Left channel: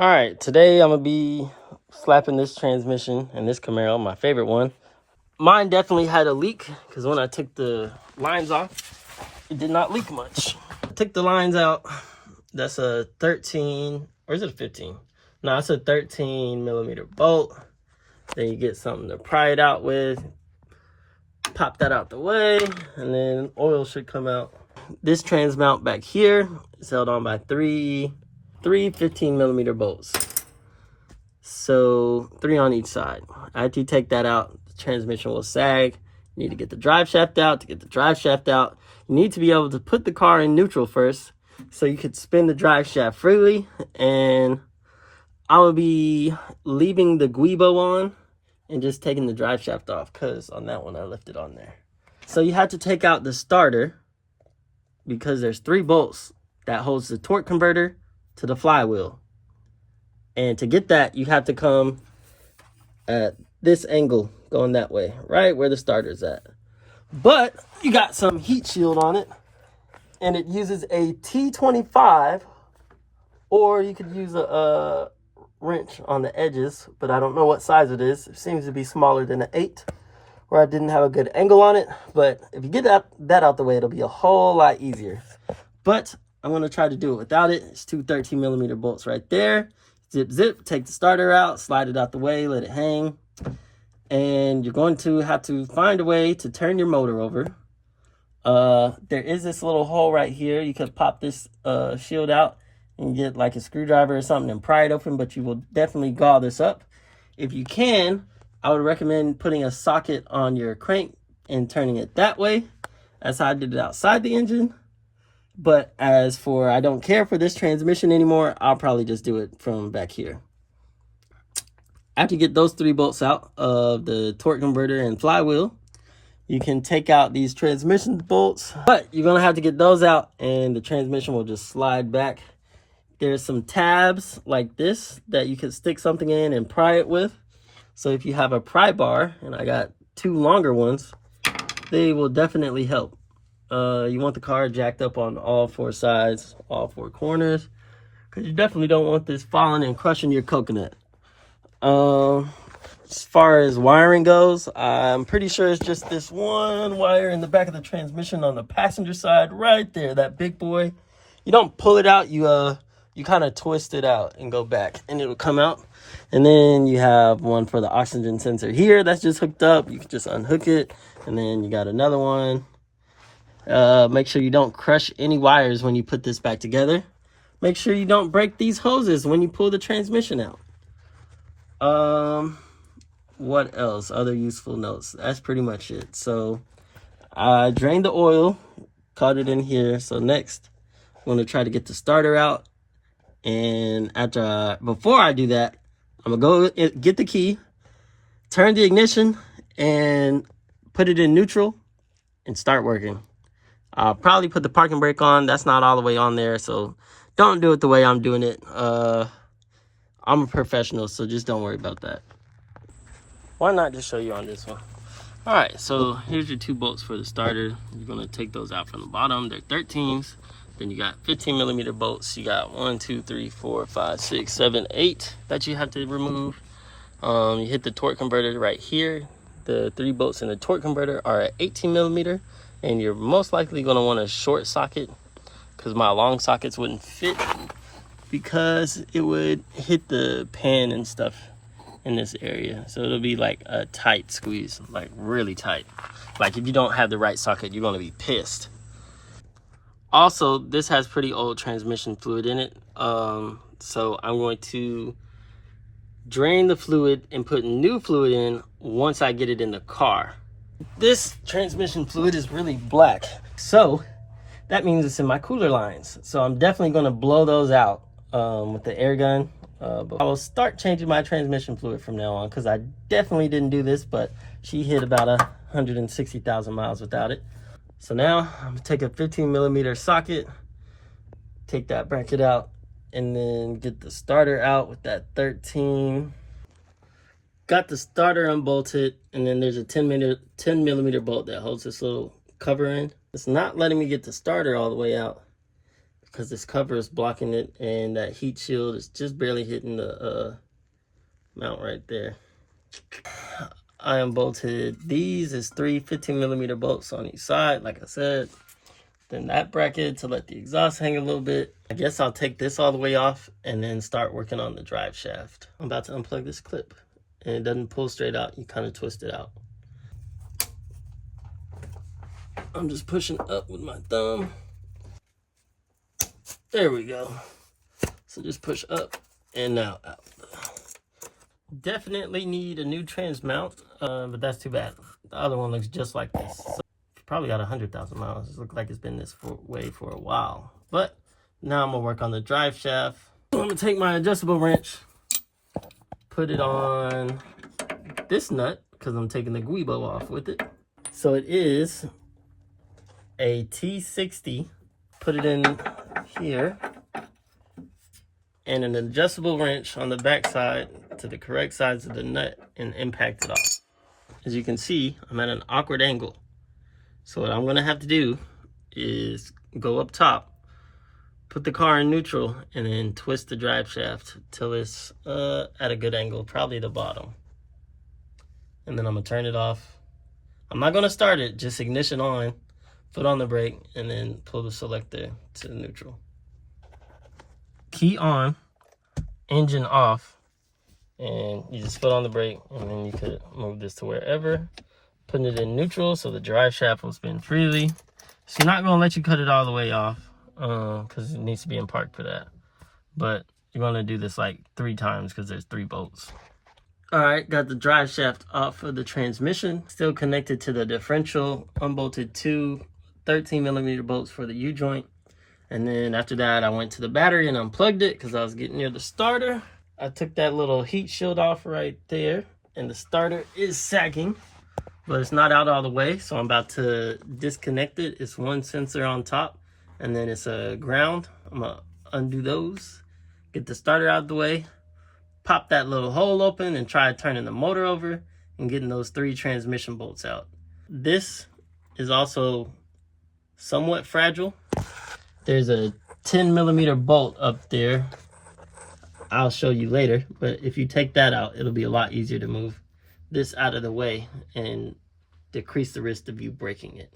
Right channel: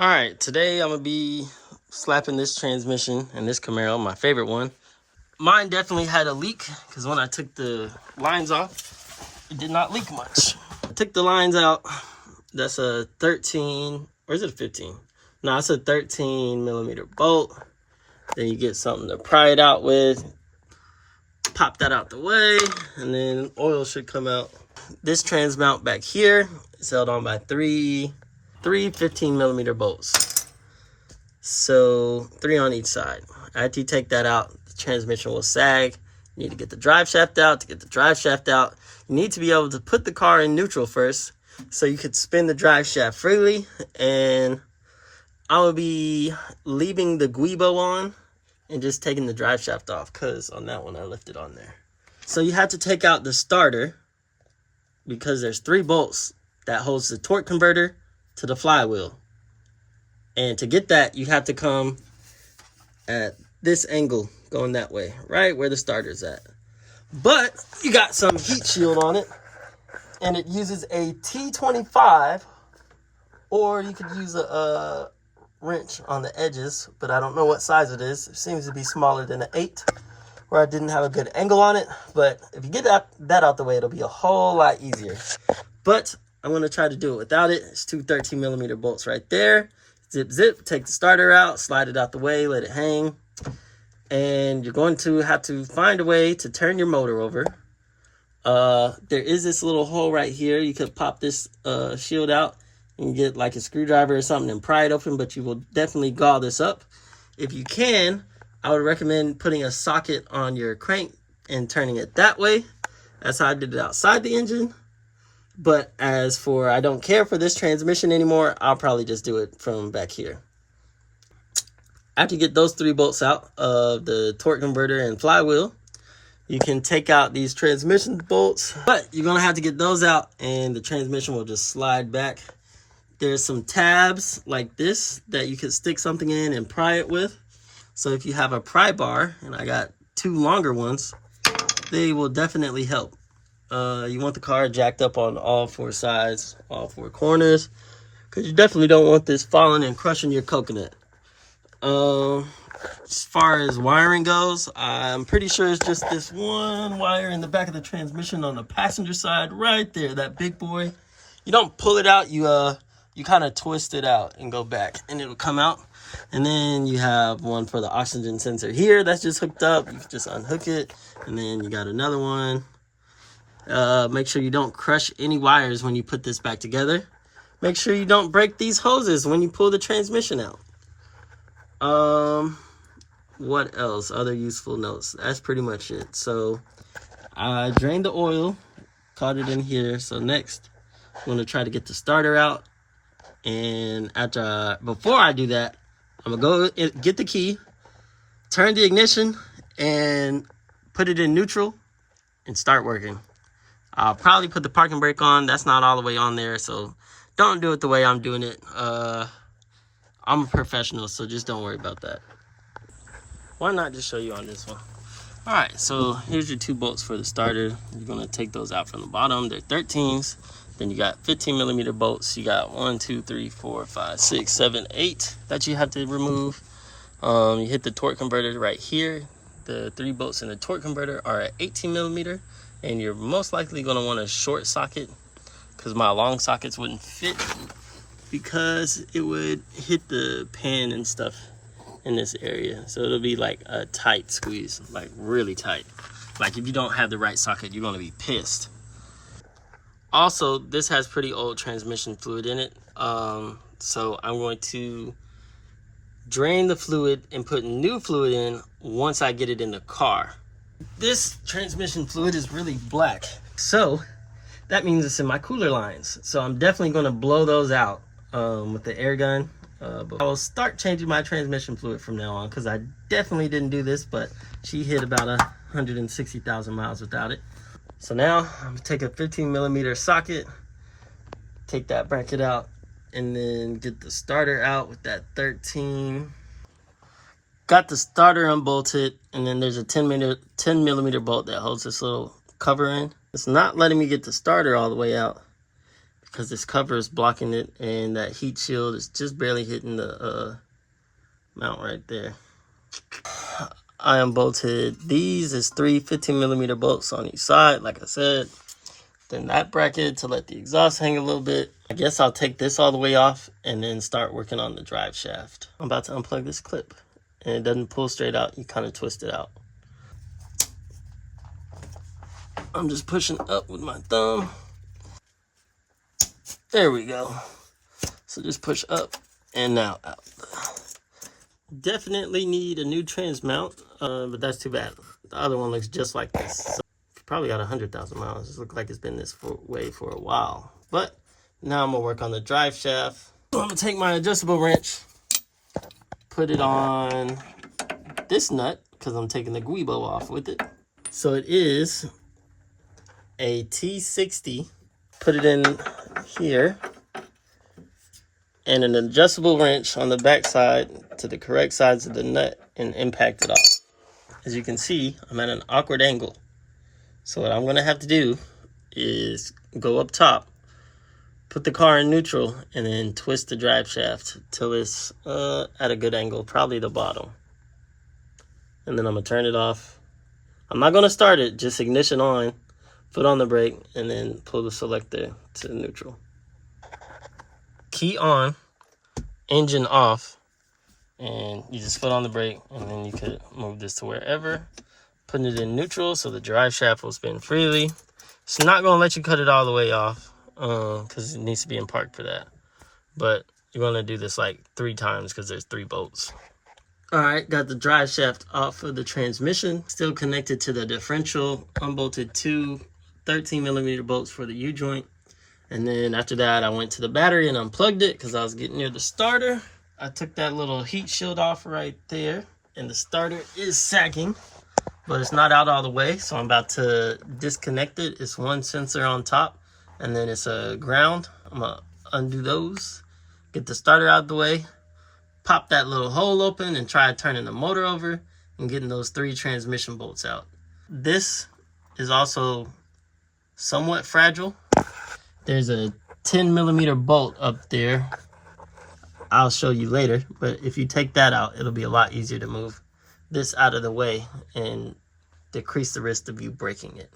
All right, today I'm gonna be slapping this transmission and this Camaro, my favorite one. Mine definitely had a leak because when I took the lines off, it did not leak much. I took the lines out. That's a 13, or is it a 15? No, it's a 13 millimeter bolt. Then you get something to pry it out with. Pop that out the way, and then oil should come out. This trans mount back here is held on by three 15 millimeter bolts. So 3 on each side. After you take that out, the transmission will sag. You need to get the drive shaft out. To get the drive shaft out, you need to be able to put the car in neutral first so you could spin the drive shaft freely. And I will be leaving the guibo on and just taking the drive shaft off, because on that one I left it on there. So you have to take out the starter because there's 3 bolts that holds the torque converter to the flywheel. And to get that, you have to come at this angle, going that way, right where the starter's at. But you got some heat shield on it, and it uses a T25, or you could use a wrench on the edges, but I don't know what size it is. It seems to be smaller than an 8, where I didn't have a good angle on it. But if you get that out the way, it'll be a whole lot easier. But I'm going to try to do it without it. It's 2 13 millimeter bolts right there. Zip, zip, take the starter out, slide it out the way, let it hang. And you're going to have to find a way to turn your motor over. There is this little hole right here. You could pop this shield out and get like a screwdriver or something and pry it open, but you will definitely gauze this up. If you can, I would recommend putting a socket on your crank and turning it that way. That's how I did it outside the engine. But as for I don't care for this transmission anymore, I'll probably just do it from back here. After you get those 3 bolts out of the torque converter and flywheel, you can take out these transmission bolts, but you're gonna have to get those out and the transmission will just slide back. There's some tabs like this that you can stick something in and pry it with. So if you have a pry bar, and I got 2 longer ones, they will definitely help. You want the car jacked up on all 4 sides, all 4 corners, because you definitely don't want this falling and crushing your coconut. As far as wiring goes, I'm pretty sure it's just this one wire in the back of the transmission on the passenger side right there, that big boy. You don't pull it out, you kind of twist it out and go back and it'll come out. And then you have one for the oxygen sensor here that's just hooked up. You can just unhook it. And then you got another one. Make sure you don't crush any wires when you put this back together. Make sure you don't break these hoses when you pull the transmission out. What else? Other useful notes. That's pretty much it. So I drained the oil, caught it in here. So next, I'm going to try to get the starter out. And before I do that, I'm going to go get the key, turn the ignition, and put it in neutral and start working. I'll probably put the parking brake on. That's not all the way on there, so don't do it the way I'm doing it. I'm a professional, so just don't worry about that. Why not just show you on this one? All right, so here's your 2 bolts for the starter. You're going to take those out from the bottom. They're 13s. Then you got 15 millimeter bolts. You got 1, 2, 3, 4, 5, 6, 7, 8 that you have to remove. You hit the torque converter right here. The 3 bolts in the torque converter are at 18 millimeter, and you're most likely going to want a short socket because my long sockets wouldn't fit because it would hit the pan and stuff in this area. So it'll be like a tight squeeze, like really tight. Like if you don't have the right socket, you're going to be pissed. Also, this has pretty old transmission fluid in it. So I'm going to drain the fluid and put new fluid in once I get it in the car. This transmission fluid is really black, so that means it's in my cooler lines. So I'm definitely going to blow those out with the air gun. But I will start changing my transmission fluid from now on because I definitely didn't do this, but she hit about 160,000 miles without it. So now I'm gonna take a 15 millimeter socket, take that bracket out, and then get the starter out with that 13. Got the starter unbolted, and then there's a 10 millimeter bolt that holds this little cover in. It's not letting me get the starter all the way out because this cover is blocking it, and that heat shield is just barely hitting the mount right there. I unbolted these. Is 3 15mm bolts on each side, like I said. Then that bracket to let the exhaust hang a little bit. I guess I'll take this all the way off and then start working on the drive shaft. I'm about to unplug this clip, and it doesn't pull straight out. You kind of twist it out. I'm just pushing up with my thumb. There we go. So just push up and now out. Definitely need a new trans mount, but that's too bad. The other one looks just like this. So probably got 100,000 miles. It looks like it's been this way for a while. But now I'm gonna work on the drive shaft. I'm gonna take my adjustable wrench, put it on this nut, because I'm taking the guibo off with it. So it is a T60. Put it in here, and an adjustable wrench on the back side to the correct sides of the nut, and impact it off. As you can see, I'm at an awkward angle. So what I'm gonna have to do is go up top, put the car in neutral, and then twist the drive shaft till it's at a good angle, probably the bottom. And then I'm gonna turn it off. I'm not gonna start it, just ignition on, foot on the brake, and then pull the selector to neutral. Key on, engine off, and you just foot on the brake, and then you could move this to wherever. Putting it in neutral so the drive shaft will spin freely. It's not gonna let you cut it all the way off because it needs to be in park for that. But you're gonna do this like 3 times because there's 3 bolts. All right, got the drive shaft off of the transmission, still connected to the differential, unbolted 2 13mm bolts for the U-joint. And then after that, I went to the battery and unplugged it because I was getting near the starter. I took that little heat shield off right there, and the starter is sagging, but it's not out all the way, so I'm about to disconnect it. It's one sensor on top, and then it's a ground. I'm gonna undo those, get the starter out of the way, pop that little hole open, and try turning the motor over and getting those 3 transmission bolts out. This is also somewhat fragile. There's a 10mm bolt up there. I'll show you later, but if you take that out, it'll be a lot easier to move this out of the way and decrease the risk of you breaking it.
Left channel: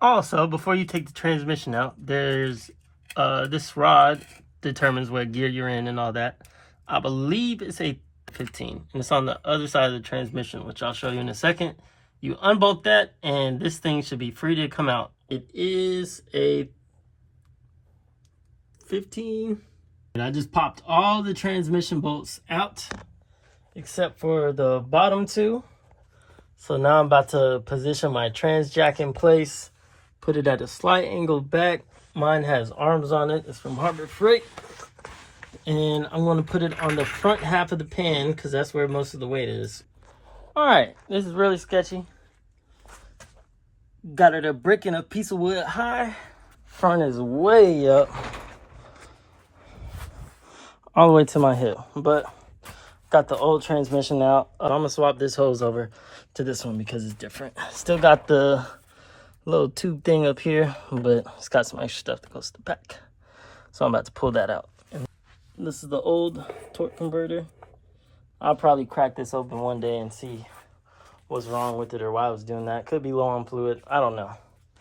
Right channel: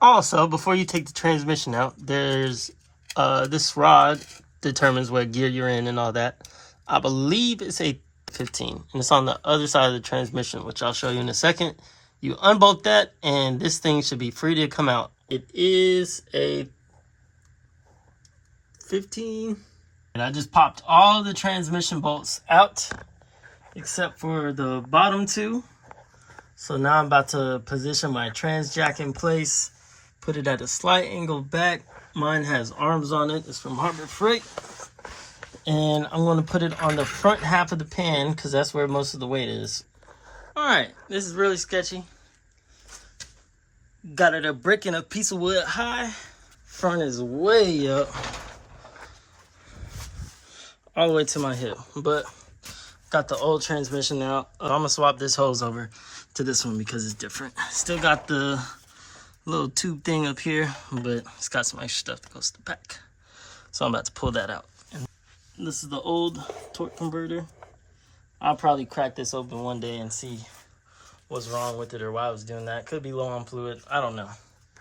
Also, before you take the transmission out, there's this rod determines what gear you're in and all that. I believe it's a 15, and it's on the other side of the transmission, which I'll show you in a second. You unbolt that, and this thing should be free to come out. It is a 15, and I just popped all the transmission bolts out except for the bottom 2. So now I'm about to position my trans jack in place, put it at a slight angle back. Mine has arms on it. It's from Harbor Freight. And I'm going to put it on the front half of the pan because that's where most of the weight is. All right, this is really sketchy. Got it a brick and a piece of wood high. Front is way up, all the way to my hip. But got the old transmission out. I'm gonna swap this hose over to this one because it's different. Still got the little tube thing up here, but it's got some extra stuff that goes to the back. So I'm about to pull that out. And this is the old torque converter. I'll probably crack this open one day and see what's wrong with it or why I was doing that. Could be low on fluid, I don't know.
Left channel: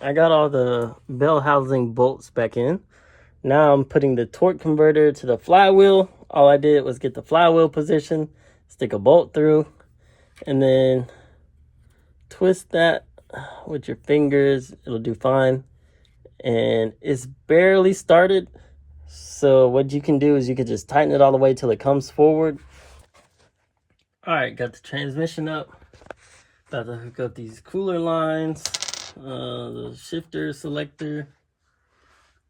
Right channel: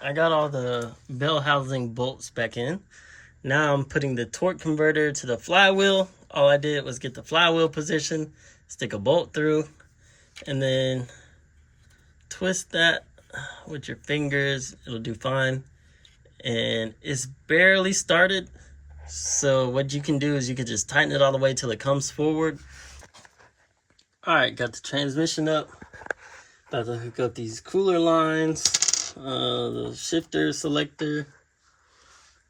I got all the bell housing bolts back in. Now I'm putting the torque converter to the flywheel. All I did was get the flywheel position, stick a bolt through, and then twist that with your fingers. It'll do fine. And it's barely started. So what you can do is you can just tighten it all the way till it comes forward. All right, got the transmission up. About to hook up these cooler lines, the shifter, selector,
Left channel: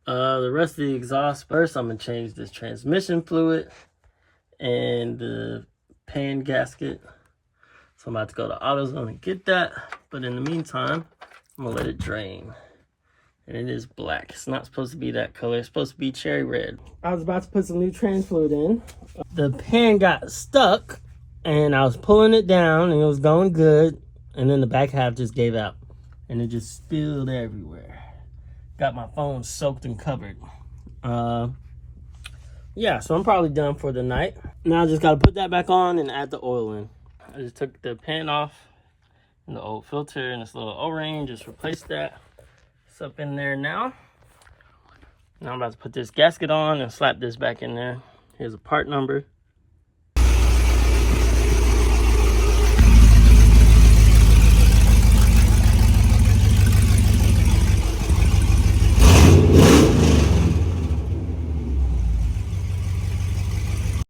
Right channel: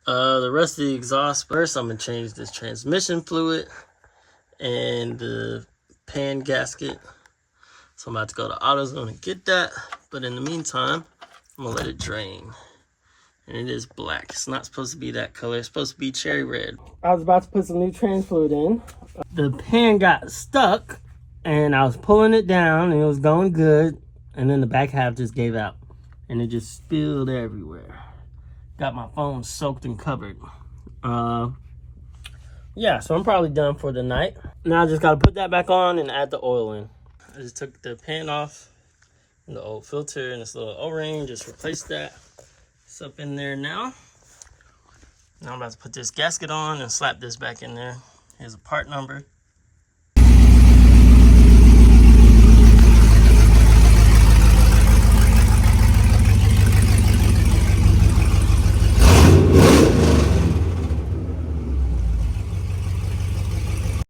the rest of the exhaust. First, I'm gonna change this transmission fluid and the pan gasket. So I'm about to go to AutoZone and get that. But in the meantime, I'm gonna let it drain. And it is black. It's not supposed to be that color. It's supposed to be cherry red. I was about to put some new trans fluid in. The pan got stuck and I was pulling it down and it was going good. And then the back half just gave out and it just spilled everywhere. got my phone soaked and covered. Yeah, so I'm probably done for the night. Now I just gotta put that back on and add the oil in. I just took the pan off and the old filter and this little O-ring, just replaced that. It's up in there now. Now I'm about to put this gasket on and slap this back in there. Here's a part number.